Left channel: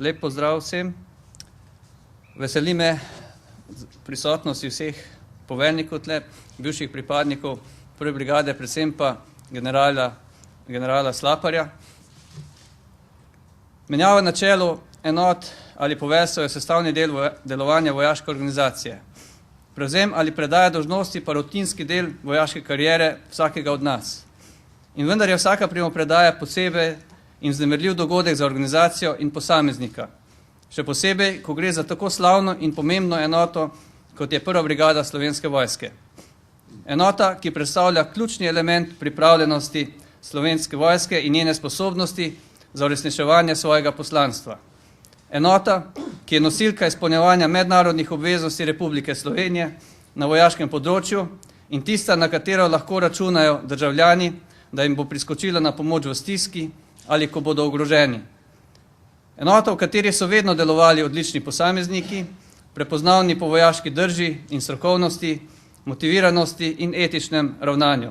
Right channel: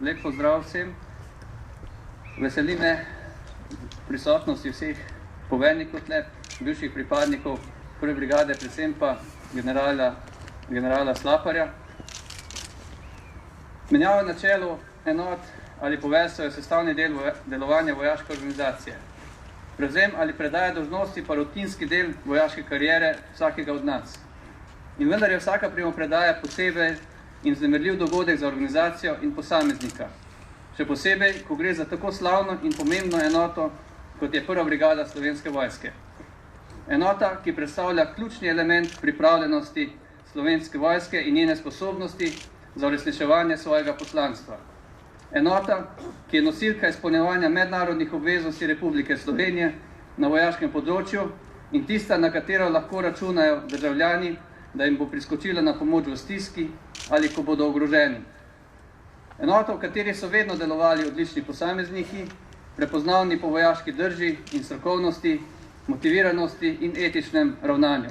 lep pozdrav vsem. Veseli me prisotnosti vseh poveljnikov tle, bivših pripadnikov prve brigade, predvsem pa generala Slaparja. Menjava na čelu enot ali poveljstev je sestavni del delovanja vojaške organizacije. Prevzem ali predaja dolžnosti pa rutinski del vojaške kariere vsakega od nas. In vendar je vsaka primopredaja posebej in vznemirljiv dogodek za organizacijo in posameznika. Še posebej, ko gre za tako slavno in pomembno enoto, kot je prva brigada Slovenske vojske. Enota, ki predstavlja ključni element pripravljenosti Slovenske vojske in njene sposobnosti za uresničevanje svojega poslanstva. Enota, ki je nosilka izpolnjevanja mednarodnih obveznosti Republike Slovenije na vojaškem področju in tista, na katero lahko računajo državljani, da jim bo priskočila na pomoč v stiski ali ko bodo ogroženi. Enota, v kateri so vedno delovali odlični posamezniki, prepoznavni po vojaški drži in strokovnosti, motiviranosti in etičnem ravnanju.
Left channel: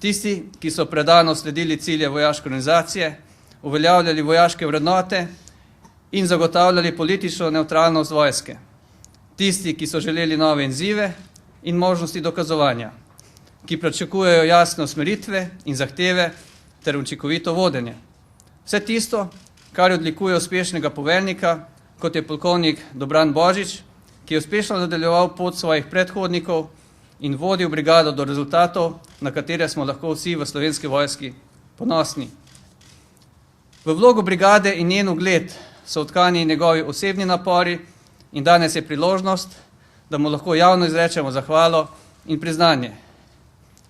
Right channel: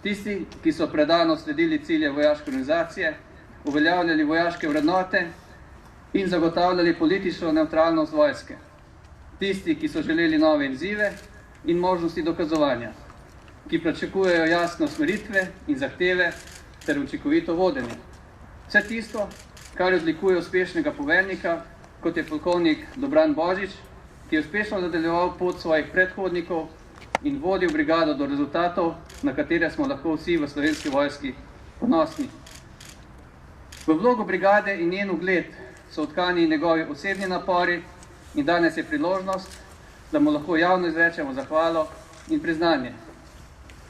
Tisti, ki so predano sledili cilje vojaške organizacije, uveljavljali vojaške vrednote in zagotavljali politično nevtralnost vojske. Tisti, ki so želeli nove izzive in možnosti dokazovanja, ki pričakujejo jasne usmeritve in zahteve ter učinkovito vodenje. Vse tisto, kar odlikuje uspešnega poveljnika, kot je polkovnik Dobran Božič, ki je uspešno nadaljeval pot svojih predhodnikov in vodil brigado do rezultatov, na katere smo lahko vsi v Slovenski vojski ponosni. V vlogo brigade in njen ugled so vtkani njegovi osebni napori in danes je priložnost, da mu lahko javno izrečemo zahvalo in priznanje.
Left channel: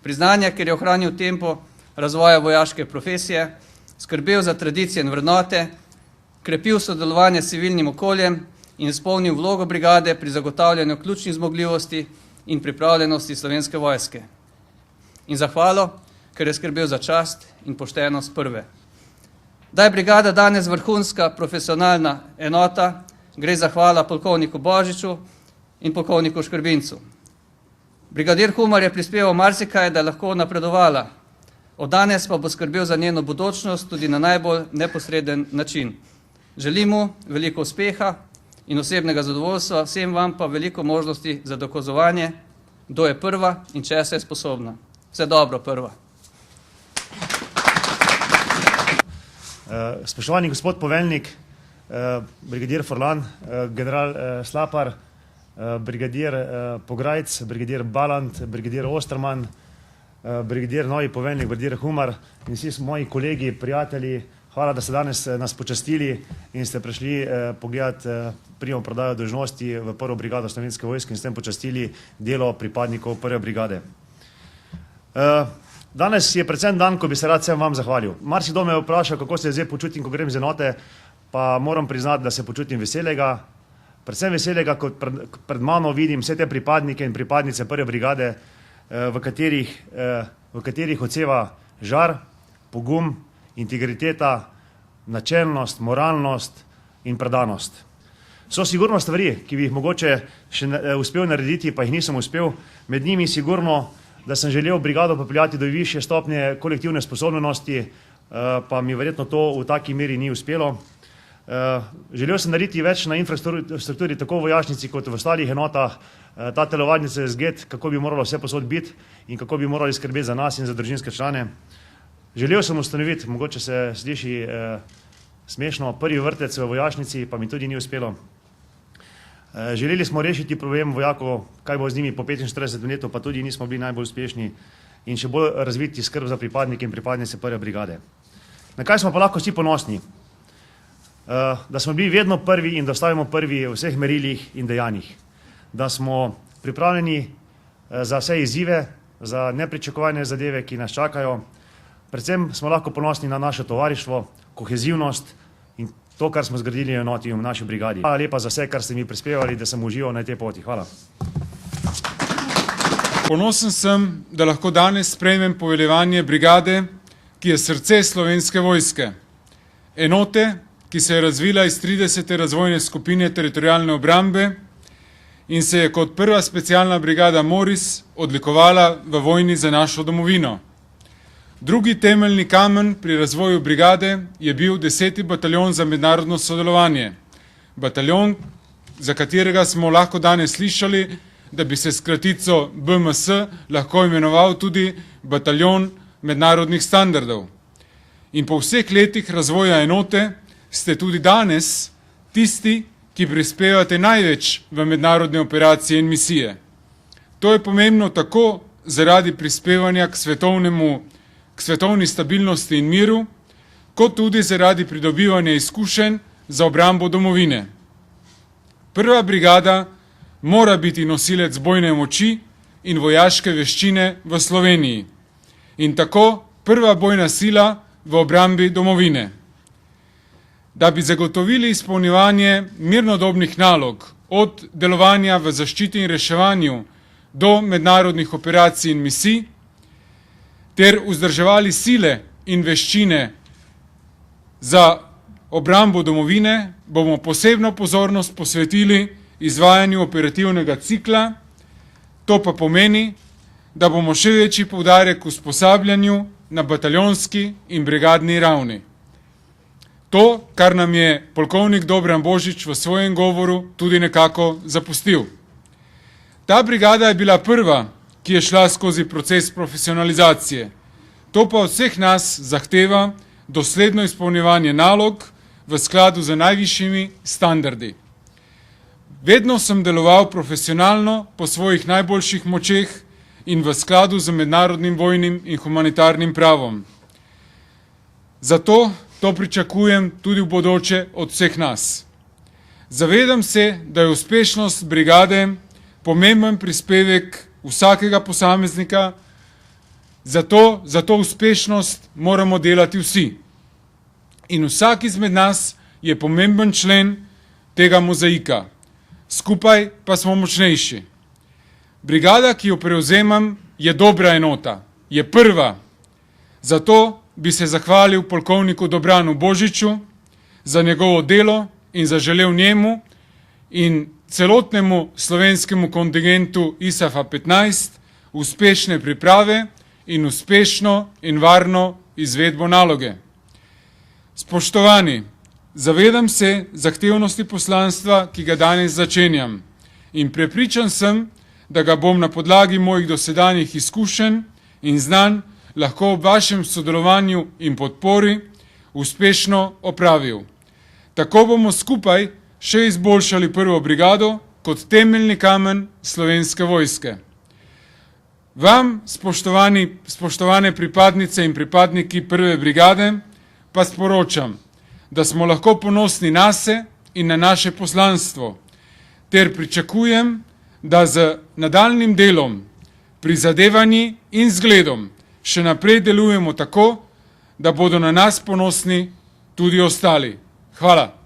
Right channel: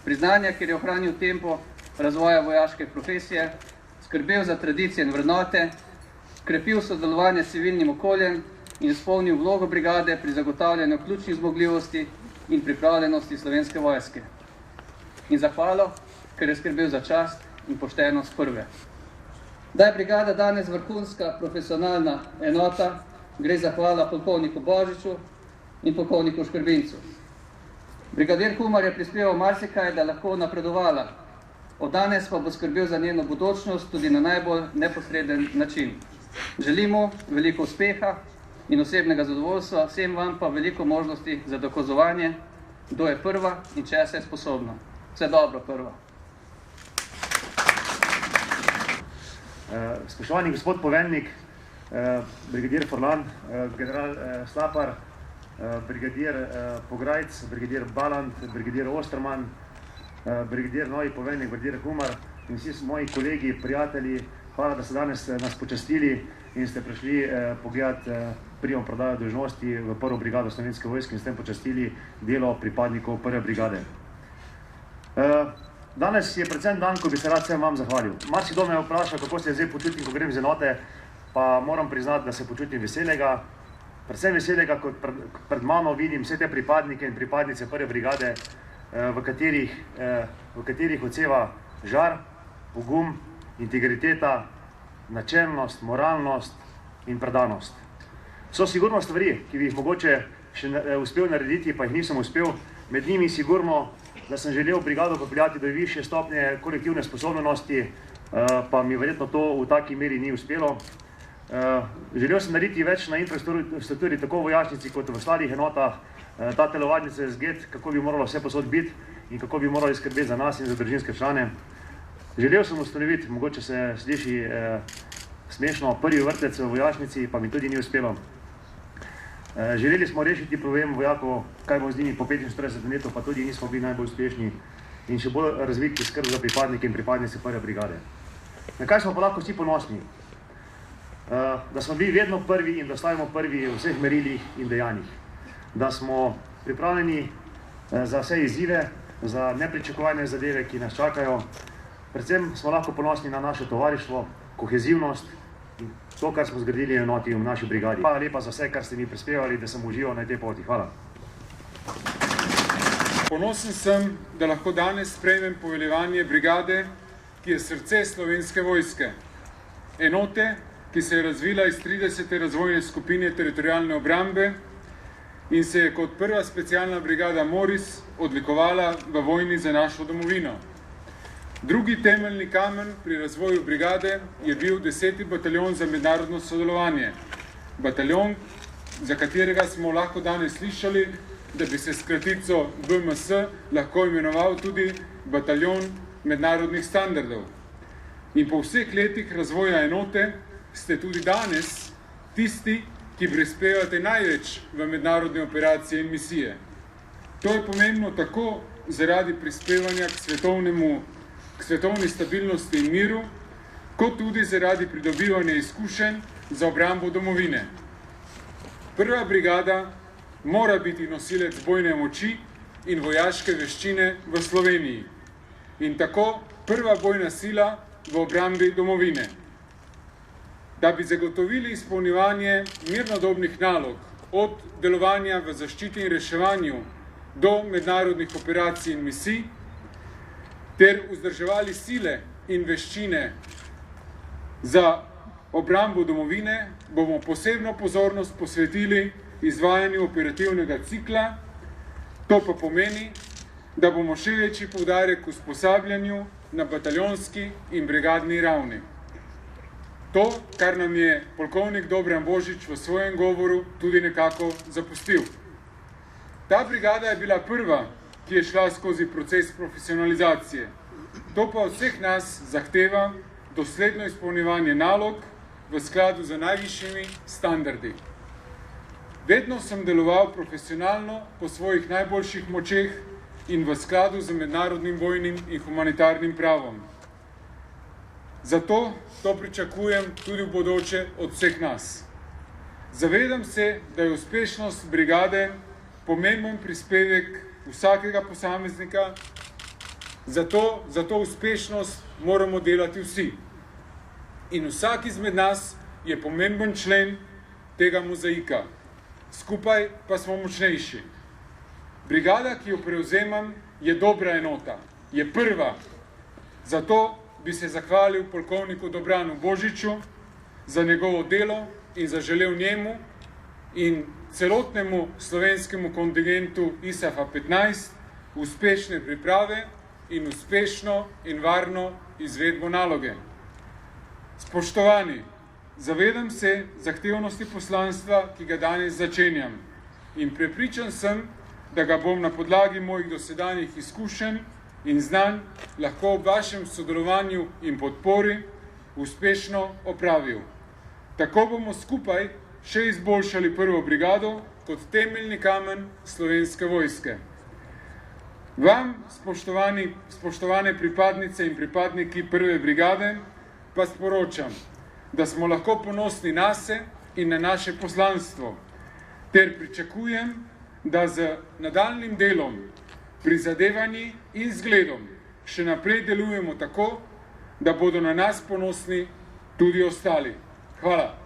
Priznanje, ker je ohranil tempo razvoja vojaške profesije, skrbel za tradicije in vrednote, krepil sodelovanje s civilnim okoljem in izpolnil vlogo brigade pri zagotavljanju ključnih zmogljivosti in pripravljenosti Slovenske vojske. In zahvalo, ker je skrbel za čast in poštenost prve. Da je brigada danes vrhunska profesionalna enota, gre zahvala polkovniku Božiču in polkovniku Škrbincu. Brigadir Humar je prispeval marsikaj, da je lahko napredovala. Od danes pa bo skrbel za njeno bodočnost tudi na najbolj neposreden način. Želim mu veliko uspeha in osebnega zadovoljstva, vsem vam pa veliko možnosti za dokazovanje, kdo je prva in česa je sposobna. Vse dobro, prva. Spoštovani gospod poveljnik, brigadir Forlan, general Slapar, brigadir Pograjc, brigadir Balant, brigadir Osterman, brigadir novi poveljnik, brigadir Humar in vsi moji kolegi, prijatelji, hvala, da ste danes nas počastili in ste prišli pogledati primopredajo dolžnosti v prvo brigado Slovenske vojske in s tem počastili delo pripadnikov prve brigade. Danes je predvsem dan, ko bi se rad vsem vam zahvalil. Marsikdo me vpraša, kako se zdaj počutim, ko grem z enote, pa moram priznati, da se počutim veselega. Predvsem veselega, kot pred mano vidim vse te pripadnike in pripadnice prve brigade, v katerih odseva žar, pogum, integriteta, načelnost, moralnost in predanost. So sigurno stvari, ki bi jih mogoče še uspel narediti, pa jih nisem uspel. Med njimi sigurno, da sem želel brigado popeljati do višje stopnje kolektivne sposobnosti, pa mi verjetno to v taki meri ni uspelo. Želel sem narediti več na infrastrukturi, tako v vojašnici kot v ostalih enotah, ta telovadnica je zgled, kako bi moralo vse posod biti in kako bi morali skrbeti za nas in za družinske člane. Želel sem ustanoviti, mogoče se sliši smešno, prvi vrtec v vojašnici, pa mi tudi ni uspelo. Želeli smo rešiti problem vojakov, kaj bo z njimi po 45 letov, pa tudi nismo bili najbolj uspešni in še bolj razviti skrb za pripadnike in pripadnice prve brigade. Na kaj smo pa lahko vsi ponosni? Da smo bili vedno prvi in da ostajamo prvi v vseh merilih in dejanjih. Da smo pripravljeni za vse izzive, za nepričakovane zadeve, ki nas čakajo. Predvsem smo lahko ponosni na naše tovarištvo, kohezivnost in to, kar smo zgradili enoti v naši brigadi. Hvala lepa za vse, kar ste mi prispevali, da sem užival na tej poti. Hvala. Ponosen sem, da lahko danes sprejmem poveljevanje brigade, ki je srce Slovenske vojske. Enote, ki se je razvila iz 30. razvojne skupine teritorialne obrambe in se je kot prva specialna brigada Moris odlikovala v vojni za našo domovino. Drugi temeljni kamen pri razvoju brigade je bil 10. bataljon za mednarodno sodelovanje. bataljon, za katerega smo lahko danes slišali, da bi se s kratico BMS lahko imenoval tudi bataljon mednarodnih standardov. In po vseh letih razvoja enote ste tudi danes tisti, ki prispevate največ v mednarodne operacije in misije. To je pomembno tako zaradi prispevanja k svetovni stabilnosti in miru, kot tudi zaradi pridobivanja izkušenj za obrambo domovine. Prva brigada mora biti nosilec bojne moči in vojaške veščine v Sloveniji in tako prva bojna sila v obrambi domovine. Da bi zagotovili izpolnjevanje mirnodobnih nalog od delovanja v zaščiti in reševanju do mednarodnih operacij in misij, ter vzdrževali sile in veščine za obrambo domovine, bomo posebno pozornost posvetili izvajanju operativnega cikla. To pa pomeni, da bomo še večji poudarek usposabljanju na bataljonski in brigadni ravni. To, kar nam je polkovnik Dobran Božič v svojem govoru tudi nekako zapustil. Ta brigada je bila prva, ki je šla skozi proces profesionalizacije. To pa od vseh nas zahteva dosledno izpolnjevanje nalog v skladu z najvišjimi standardi. Vedno sem deloval profesionalno po svojih najboljših močeh in v skladu z mednarodnim vojnim in humanitarnim pravom. Zato to pričakujem tudi v bodoče od vseh nas. Zavedam se, da je uspešnost brigade pomemben prispevek vsakega posameznika, zato za to uspešnost moramo delati vsi. In vsak izmed nas je pomemben člen tega mozaika. Skupaj pa smo močnejši. Brigada, ki jo prevzemam, je dobra enota, je prva. Zato bi se zahvalil polkovniku Dobranu Božiču za njegovo delo in zaželel njemu in celotnemu slovenskemu kontingentu ISAF-a 15 uspešne priprave in uspešno in varno izvedbo naloge. Spoštovani, zavedam se zahtevnosti poslanstva, ki ga danes začenjam, in prepričan sem, da ga bom na podlagi mojih dosedanjih izkušenj in znanj lahko ob vašem sodelovanju in podpori uspešno opravil. Tako bomo skupaj še izboljšali prvo brigado kot temeljni kamen Slovenske vojske. Vam, spoštovane pripadnice in pripadniki prve brigade, pa sporočam, da smo lahko ponosni nase in na naše poslanstvo, ter pričakujem, da z nadaljnjim delom, prizadevanji in zgledom še naprej delujemo tako, da bodo na nas ponosni tudi ostali. Hvala.